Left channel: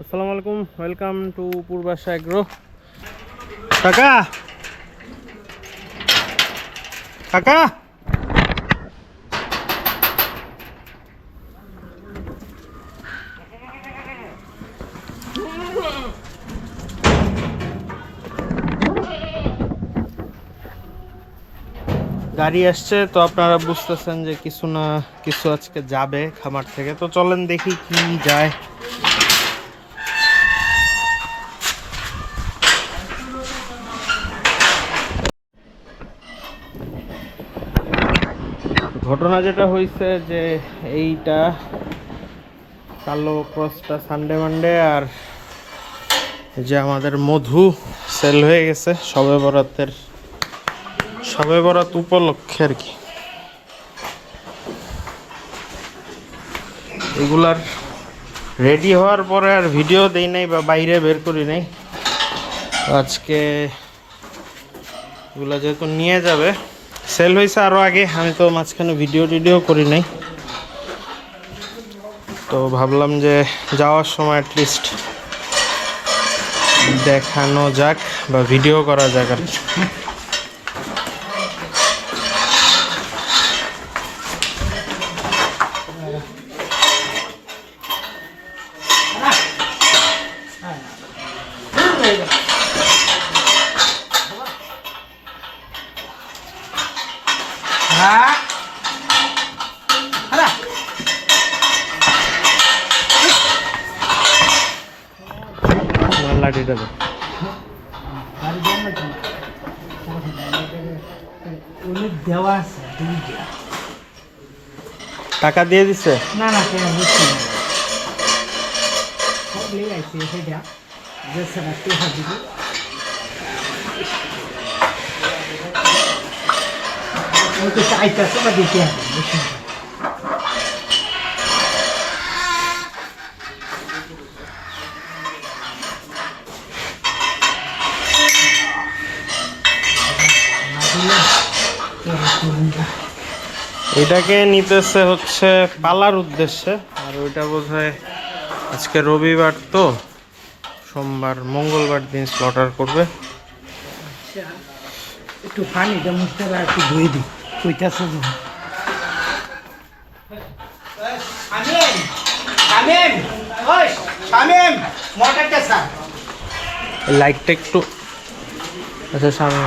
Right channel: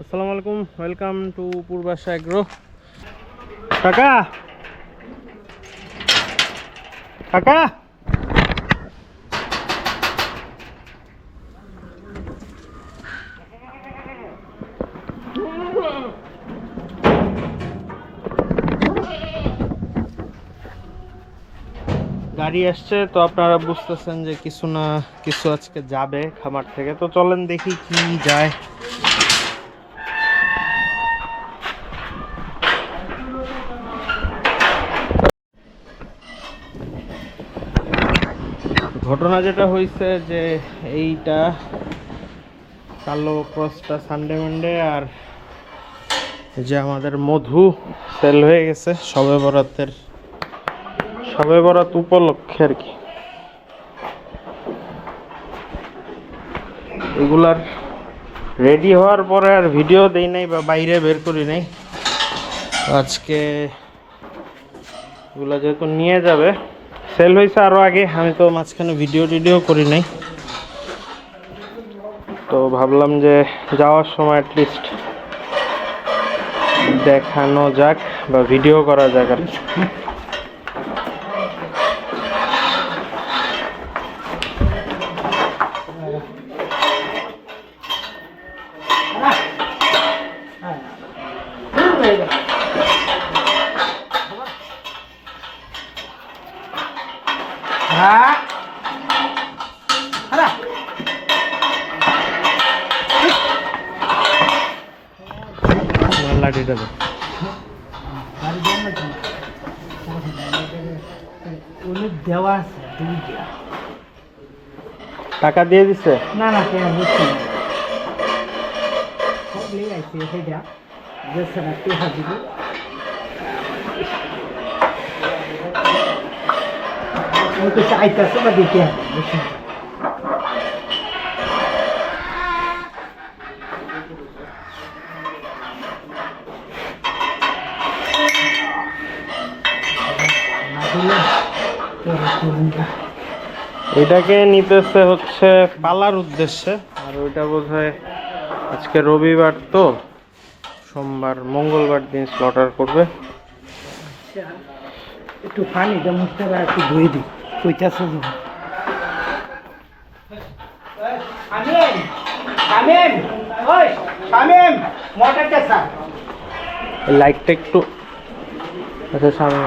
আসসালামু আলাইকুম, welcome to Purbasha agro. কাকা কাকা গাড়ি আসছে, তো আপনারা বুঝতেছেন যে কিছু না কিছু আজকে যাবে খামার থেকে। তো চলেন দেখি কি যায়। ঘটনা যেটা হয়েছে যে এইটা কালো ক্রসটা সানডে মানডে, আর যে আমাদের মধু সেল হয়ে গেছে সবে বরাত উপলক্ষে আর কি। এগুলার রেডি হওয়ার পরে আর ভিডিও দেই নাই বা বাইরে বের করি নাই। আজকে এগুলা যেহেতু নিয়ে যাবে, সেল হয়েছে আরও আগে, আমি তো মাঝখানে ভিডিও করি নাই, তো ভাবলাম যে যাওয়ার সময় অ্যাটলিস্ট দেখানো যাক বা ভিডিও করা যাক আর কি। লাঠিটা দে। টাকা দিয়ে দিছে? না না, কেন বুঝছি না, আইসি সেটা যে স্যার টেহা দিব ওই তো চাইতেছে বা দিতে হবে বুঝছি। এটাকে নিতেছে হচ্ছে পালার উদ্দেশ্যে, আর ওইটা বোধহয় আজকে রবিবার, তো সোমবার মঙ্গলবার দিন স্লটার করবে। একটু পানিটা মুছতে একটু ধুয়ে দিই কইতাছে যে লাইটটা একটু আচ্ছা সামনে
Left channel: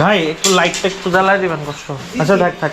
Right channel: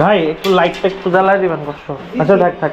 ভাই, একটু লাইটটা একটু জ্বালাই দিবেন কষ্ট। আচ্ছা থাক।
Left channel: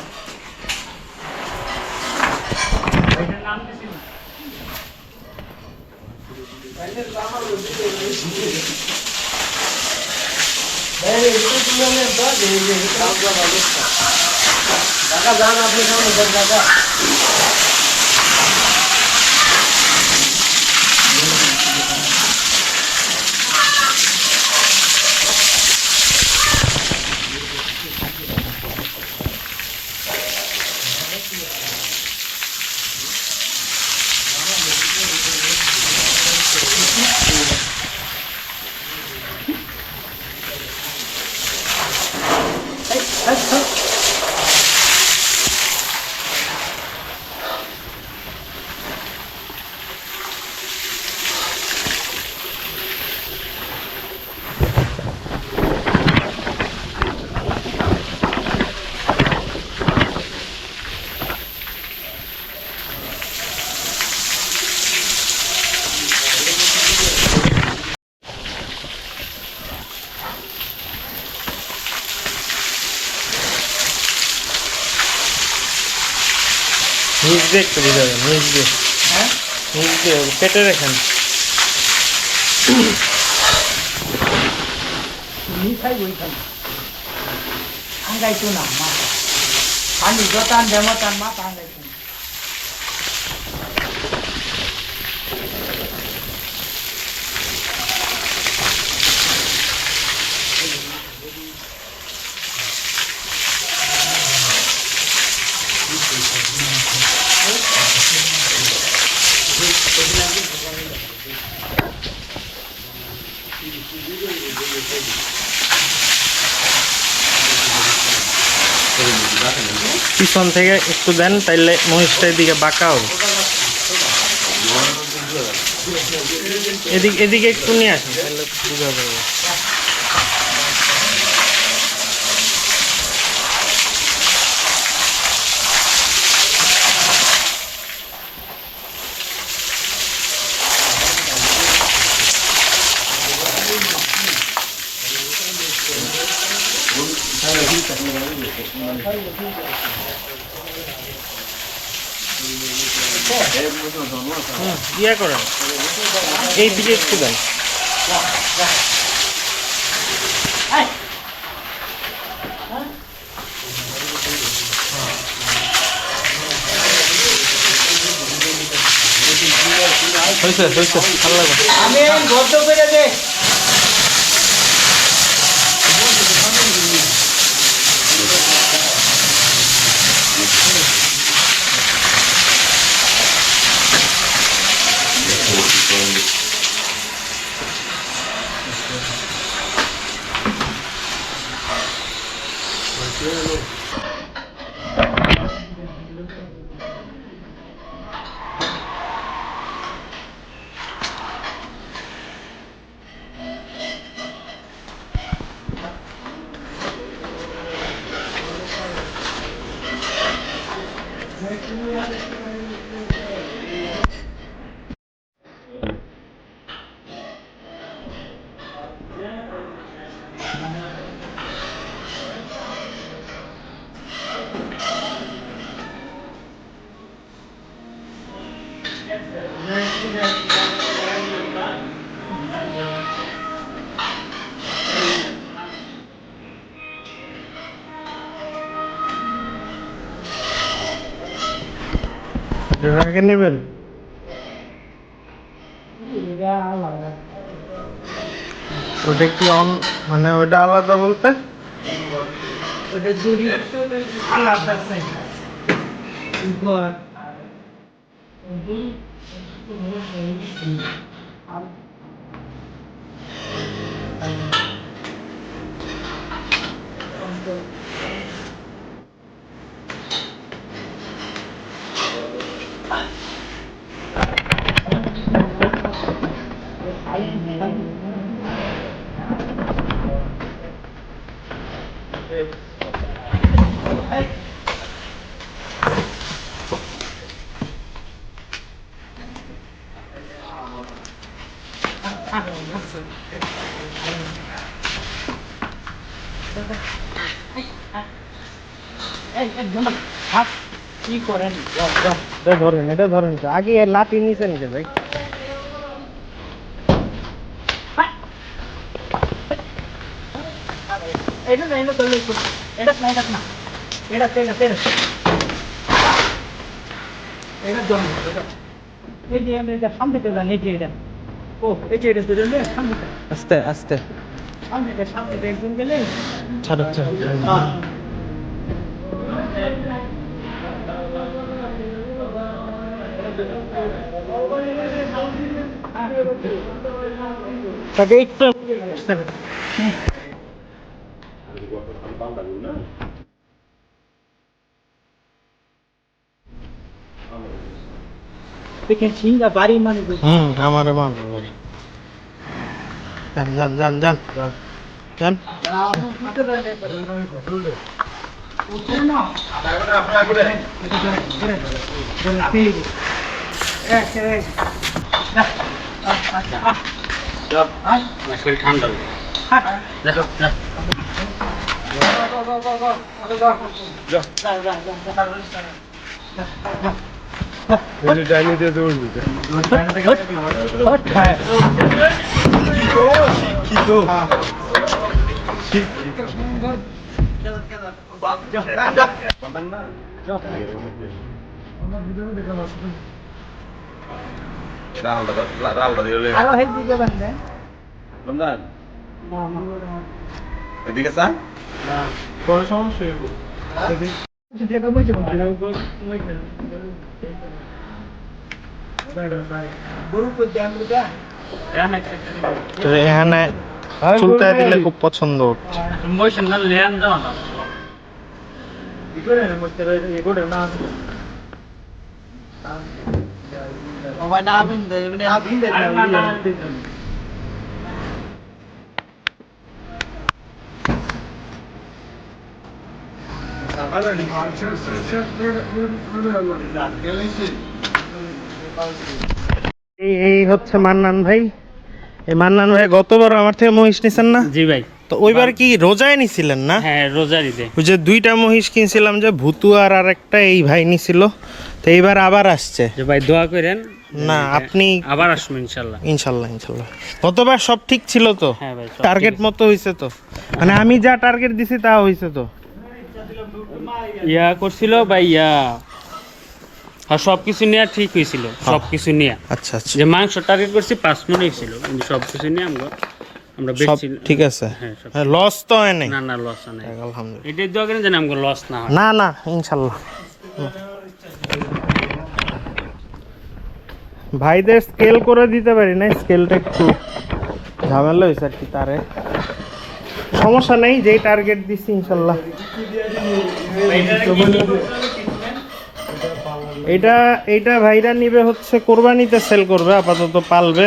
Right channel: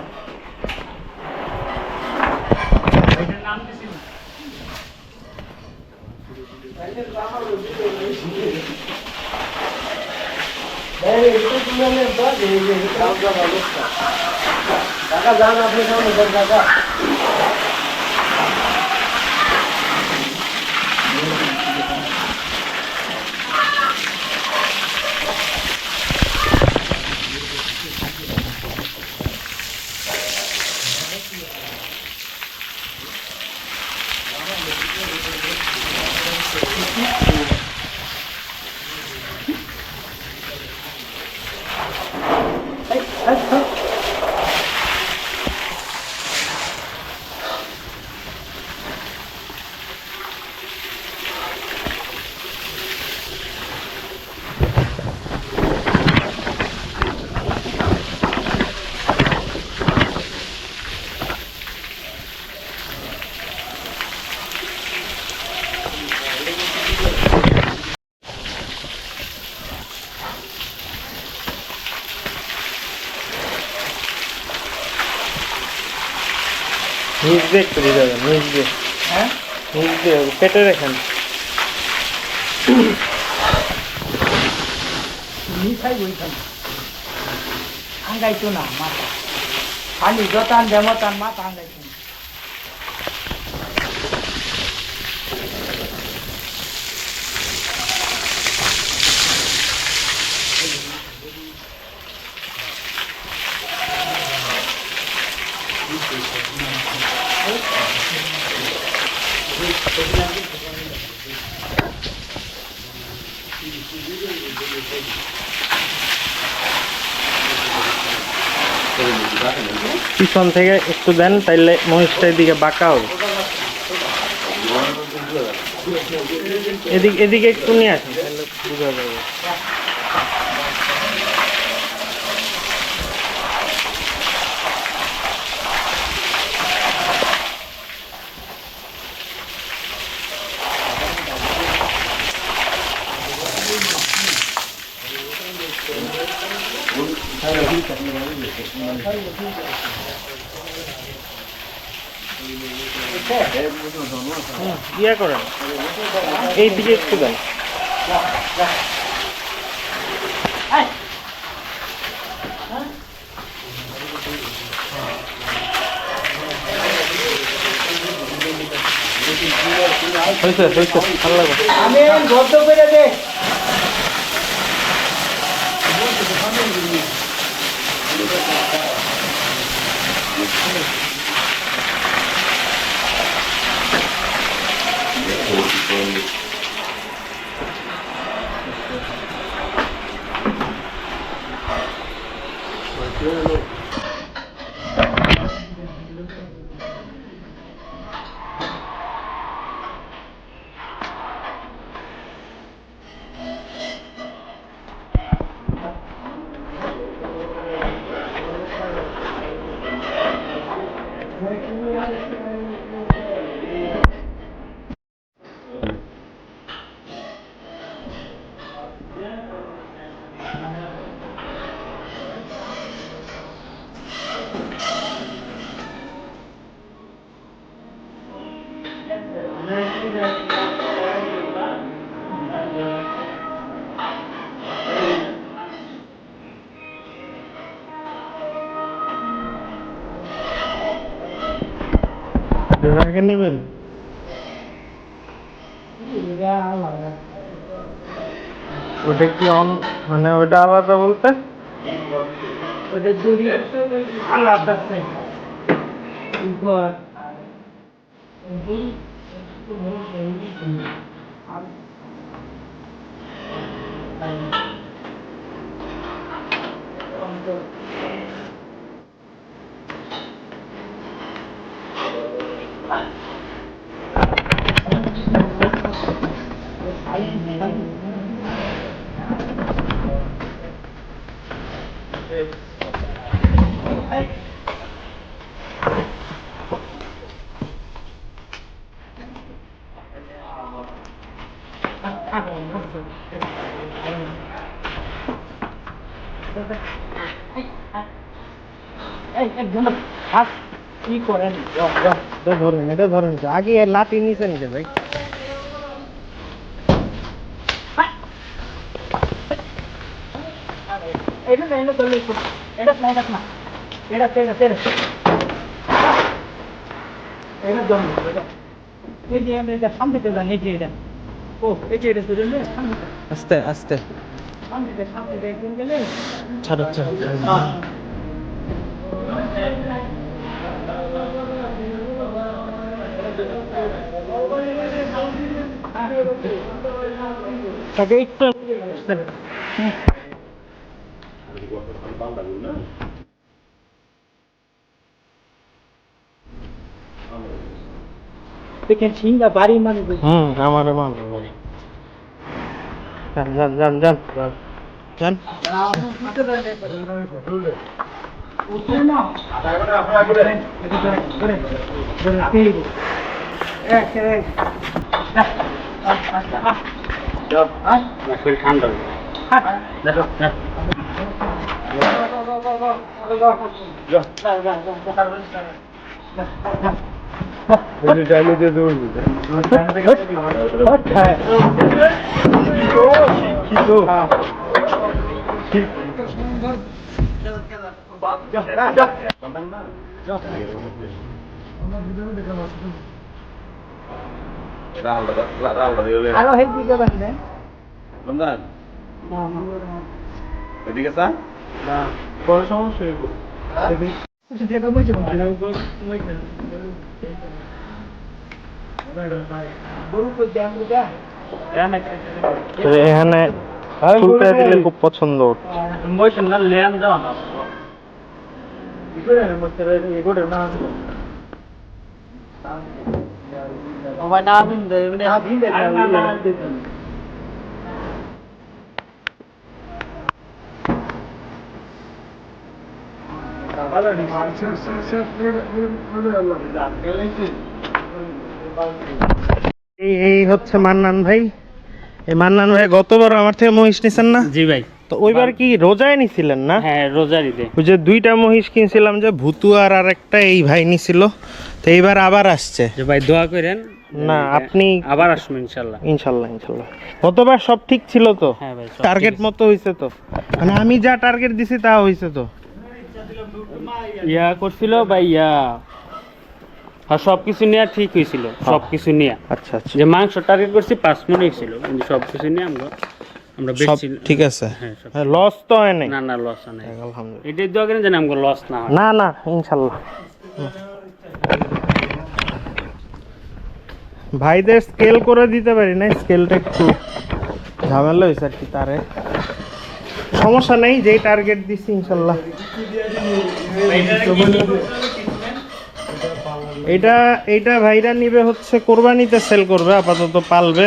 নিচ দিয়ে একটু দিয়ে যাবেন, নিচ দিয়ে। হ্যাঁ, নিচ দিয়ে কেটে রাখেন। মিঠাই বইতাম আঙ্গাইতো না মাথা পানি যতান দেমতান মাথা আঙ্গাইতো না। পিছন থেকে একটু দেন, তাইলে মহিষটা এদিকে বাঁকা হবে। এদিকে একটু নিয়ে আসেন, তাহলে বোঝা যাবে। ইয়ে করেন, এই দিকে একটু দেন। হয়েছে হয়েছে, ভালো লাগবে। আমি গদ্দ করে দে। আগে নেবেন। ওটা কি অন, মানে ওটা আলাদা বলতে? ওটা দড়ি আলাদা আছে। উপর কি করেন? এটা ধরেন, এটা ধরেন, আগে লাঠি নিচে নিচে ভাই। এটা না, এটা ধরলে একটু। এটা না, এটা না। এটা তেরা তেরা। এটা ধরুন। এই যে এটা সামনে থেকে যান, এই যে এটা। ও, এই যে এটা ধরলে সামনে থেকে। আস্তে আস্তে সামনে থেকে একদিন গেলে। ছাড়ো ছাড়ো। হ্যাঁ। তাকে একটু দেখেছি না বাড়ি মানে আমার মারবো ভাই। যান যান যান যান যান। আরো হেলদি করবেন না রমজান না এদিকে চা না, কোনো সমস্যা নেই। যেটা বলছি গরু তো জানবো তো এখানে চুলটা দিলে খুব পছন্দ। মোশন না লেন দাও না 이거는 뭐 제가 이거를 나 ভাই না ভিন্দে মানে না ভিন্দে না এই হচ্ছে মান্নান ভাই। এই মান্নান ভাই গতবার আমার থেকে মহিষ নিছেন না? জি ভাই, তো ওইবার কি রোজায় নিছিলেন না? হ্যাঁ রোজারিতে। ওই যে 2টা মহিষ কিনছিলাম, যে ভুতু আর আরেকটা এই ভাই নিছিল। তো এইবার আবার আসছে। যে ভাই দোয়া করেন না আপনি আবার আসবেন ইনশাল্লাহ। ইনশাল্লাহ ইনশাল্লাহ। গতবার সব ঠিক ছিল তো? হ্যাঁ ভাই, সব টার্গেট মতো হইছে তো? মানে আমি যা টার্গেট দিছি তা হইছে তো? ইয়া করছিল ভাই, আর সবকিছু নিয়ে ঠিক হয়েছিল, সবকিছু নিয়ে। আচ্ছা আচ্ছা, যে মাংস টার্গেট করছি 5 মণ হয়েছিল, কিন্তু সবকিছু নিয়ে আমরা সব বেশি ঠিক আছে। হ্যাঁ সব লস তো হয় নাই? না না, লস নাই। আলহামদুলিল্লাহ। এটাই দোয়া করেন যেন আমাকে লস না হয়। না না ইনশাল্লাহ। ভাইদের স্কেল করে দিতে পারি না, স্কেলটা একটু ঝামেলা হয়েছে আর কি। তারে সমস্যা নেই, যেই টার্গেট দিচ্ছি ইনশাল্লাহ। এটা ভাইরা নিবে হচ্ছে কোরবানিতে সেল করবে, আপাতত পালবে।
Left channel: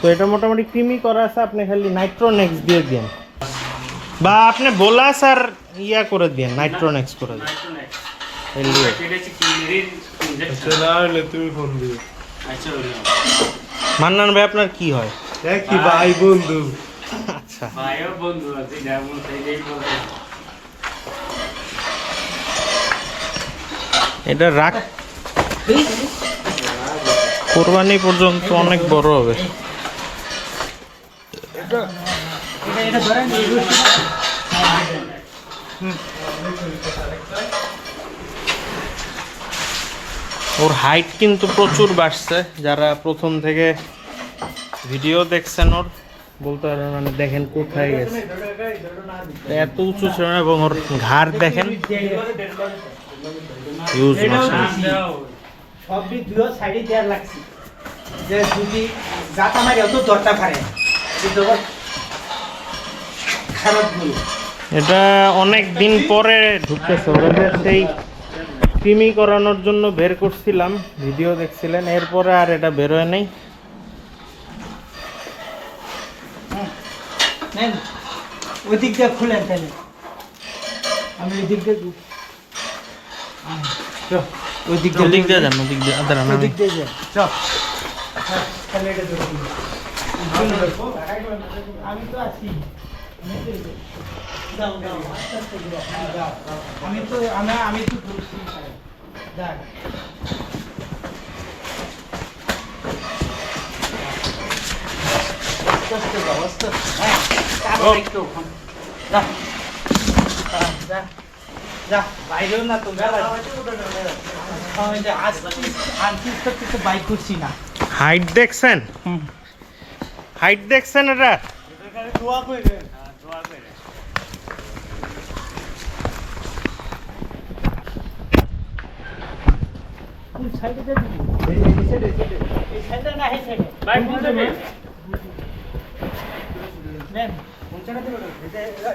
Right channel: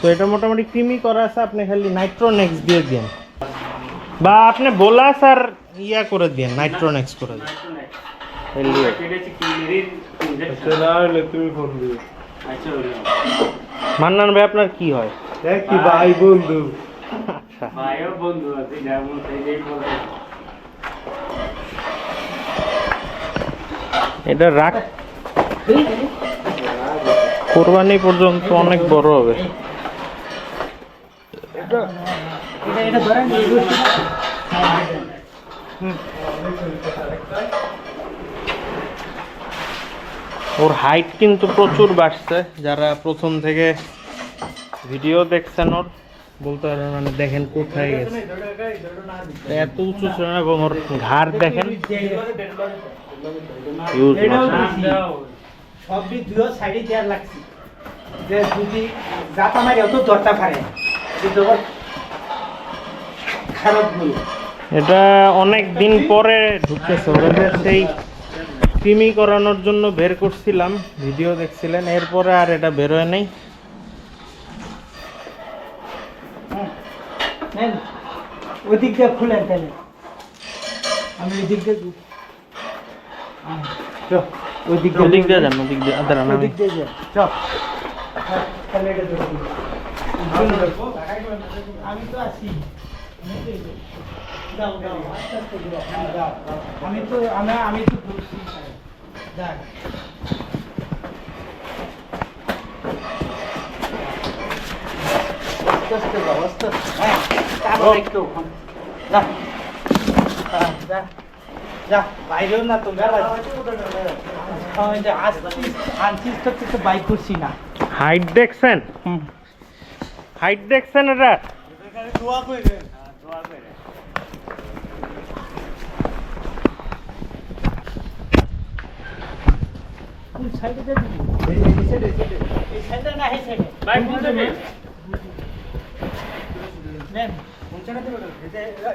তো এটা মোটামুটি ক্রিমি করা আছে, আপনি খালি নাইট্রোনেক্স দিয়ে দিন, বা আপনি বোলাস আর ইয়া করে দিন, নাইট্রোনেক্স করে দিন। মান্নান ভাই আপনার কি হয়? কি ভাই বন্ধু? আচ্ছা, ভাইও বন্ধু আছে, যেমন সেইটাই বলতে। এটা রাখ, কোরবানি পর্যন্ত অনেক বড় হবে। এটা ধরেন ওর হাইট কিন্তু প্রচুর বাড়ছে। যারা প্রথম থেকে ভিডিও দেখছেন ওর বলতে পারবেন, মানে দেখেন কোথায় গেছে, এত উঁচু ছিল না। এবং ওর ঘাড় দেখেন, হিউজ মাশাআল্লাহ। সবই দুই সাইডে দেয়ার লাগছে, যে যদি জাতা মারি অত দরটা পারে কিন্তু খারাপ হলো। এটা অনেক দিন পরে ঢুকতেছে। ওরা যে সেই ক্রিমি করানোর জন্য বের করছিলাম, ভিডিও দেখছিলেন, এরপরে আর এটা বেরোয় নাই। নেন ওই দিক দিয়ে খুলেন তাহলে, আমি ওই দিক দিয়ে ওই দিক ওদিক দিয়ে যান, ওদিক দিয়ে দাঁড়ান, ওই আমি দিক দিয়ে যান। চল তাহলে এটা ধরে দিন। আমি তো আছি, যাও যাও আস্তে আস্তে যাও। আমি তো ঢুকছি। দেখ আস্তে আস্তে যাও, আস্তে আস্তে। হ্যাঁ তারপর একটু যা যা যা, বাইরেও না তো গেলা আনছিস তো কিছু বাইক করছি না। হাইট দেখছেন? হাইট দেখছেন? এটা দোয়া করে কোন সাইডে যাবি? এই সাইডে, এই সাইডে না এই সাইডে ভাই কোন যাবে? নেন কোন সাইডে দেব?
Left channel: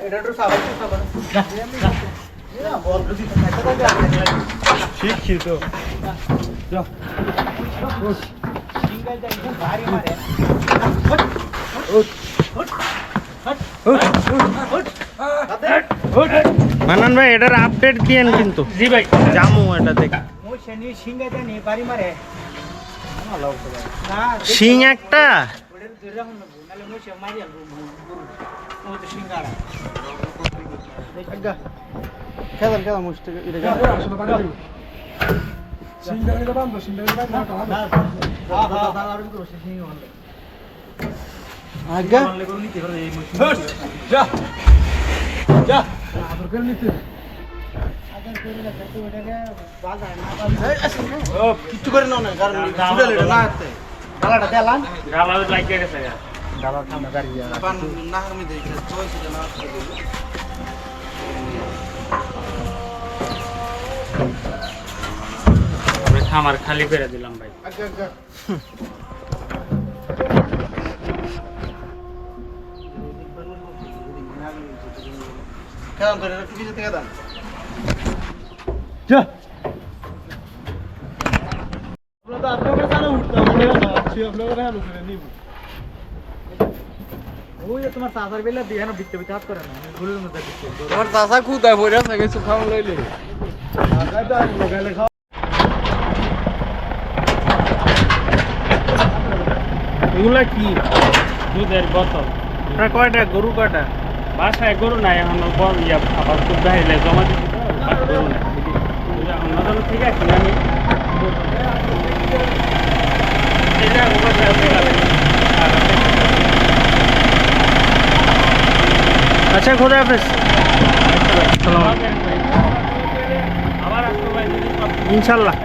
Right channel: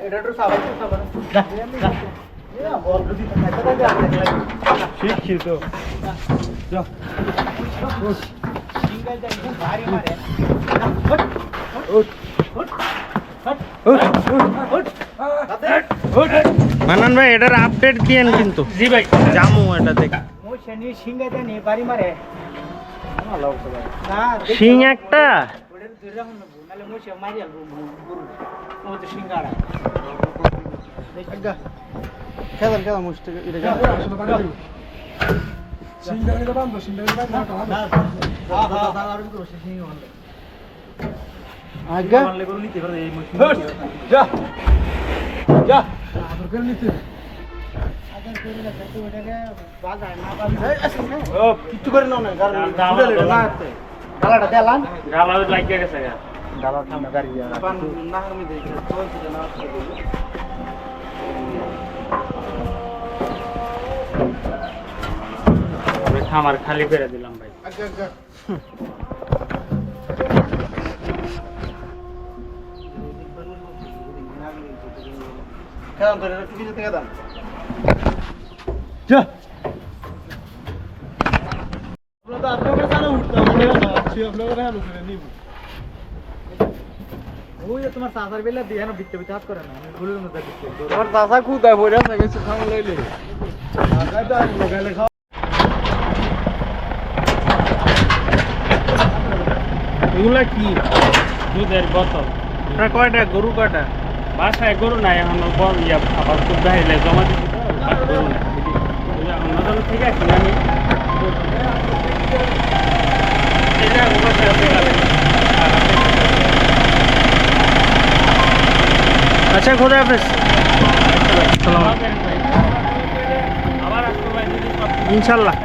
এটা তো সাবাই তো সাবাই যা যা না বল যদি থাকে থাকে ঠিক ছিল। যা সিঙ্গেল দা একদম ভারী মারে। মান্নান ভাই এটার আপডেট দিয়েন কিন্তু। জি ভাই, জামু এটা দেখ, মই শনি সিঙ্গেল দা নে ভারী মারে না শিং একটা। ওটা ধরে রাখুন না, নালে মই সে মারি আলবো গুরু ও তো সিঙ্গারা দেখা কেমন কেমন মুস্ত এটা যা আসলে বাড়ি সিঙ্গারা এটা বান্ধব সিঙ্গারা বান্ধব না দাদা আর কি করছে সিঙ্গারা বান্ধব আজ্ঞা মানলে করে নিতে পারে এই মুস্ত যা যা আদর করে নিতে আদর করে না তো ওটাকে বাজার না বাজার ও কিছু করে নাও না, কারণ ছুড়ে এটা না আসতে গালাটা দেলান গালা লাগিয়ে গেছে। গালা ঠান্ডা গাড়ি পান না আমি দেখি চলছে না আমরা খামার খালি করে দিলাম ভাই। আজ্ঞা আজ্ঞা কেমন তোর একটু পিছে থেকে দাম যা আমরা তো আপনাদের জানা উঠতাম আমরা আছি আপনাদের হাল করে নিব ওই তোমার চাচার বেলা দিয়ে না বিটতে বিটতে হাত করে না আমি ভুলে না দেখছি তোমার চাচা খুদায় পড়ে আছে কিছু খাওয়া লইলে আগাই তো আমি লাগাইলে খাও এগুলা কি দুধের বোতল এটা কয়টা গরু কয়টা বাসায় গরু নাই এখন বড় ইয়া আবার খুব বাহিরে জমা দিচ্ছি তো গরু নাই অন্য ঠিক আছে আমি এটা বাসায় আচ্ছা খোদা হাফেজ আবার আসতে পারি ইনশাল্লাহ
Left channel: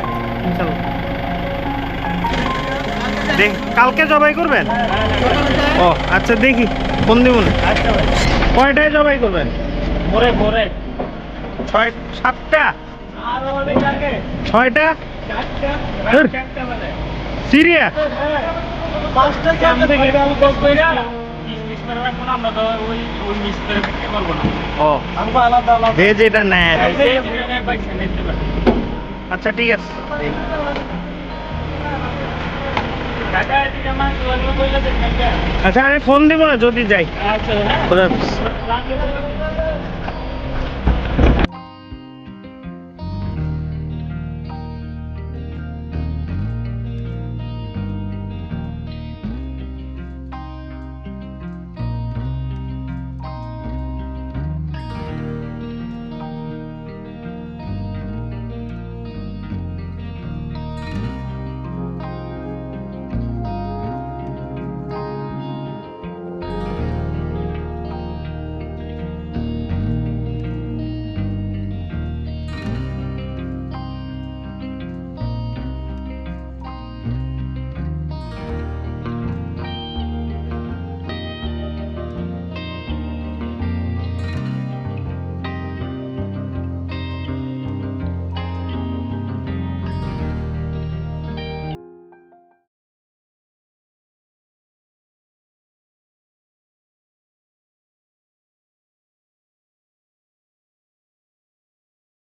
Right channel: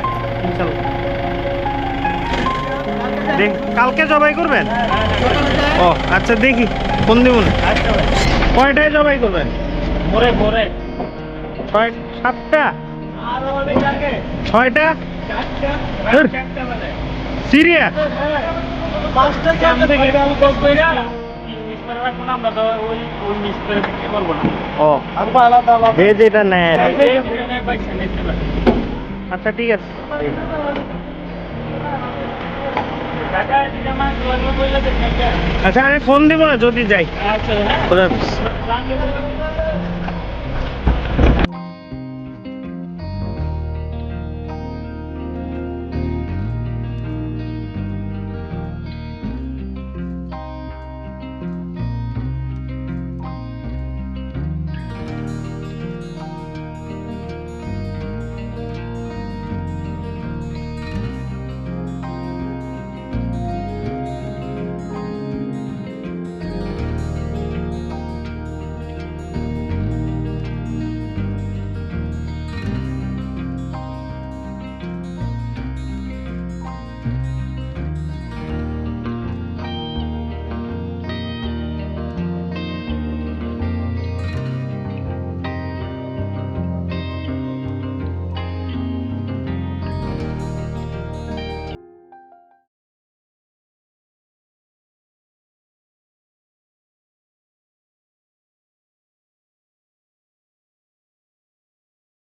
ইনশাল্লাহ দেখ কালকে জবাই করবেন ও আচ্ছা দেখি ফোন দিব না আচ্ছা ভাই কয়টায় জবাই করবেন ভোরে ভোরে 7টা আর অনেক আগে 6টা চারটা বেলা সিরিয়াস পাঁচটা আমি থেকে এটা আমি কল করে মিস করে রাখবো না আমরা তো ওই মিস করে বিক্রি করবো না ও আমরা আলাদা আলাদা যে যেটা নেয় পয়সা নিতে পারি আচ্ছা ঠিক আছে টাকা দিতে মাস লাগবে বললে দেখেন আচ্ছা আমি ফোন দিব না যদি যাই আচ্ছা হ্যাঁ খোদা হাফেজ রাঙ্গে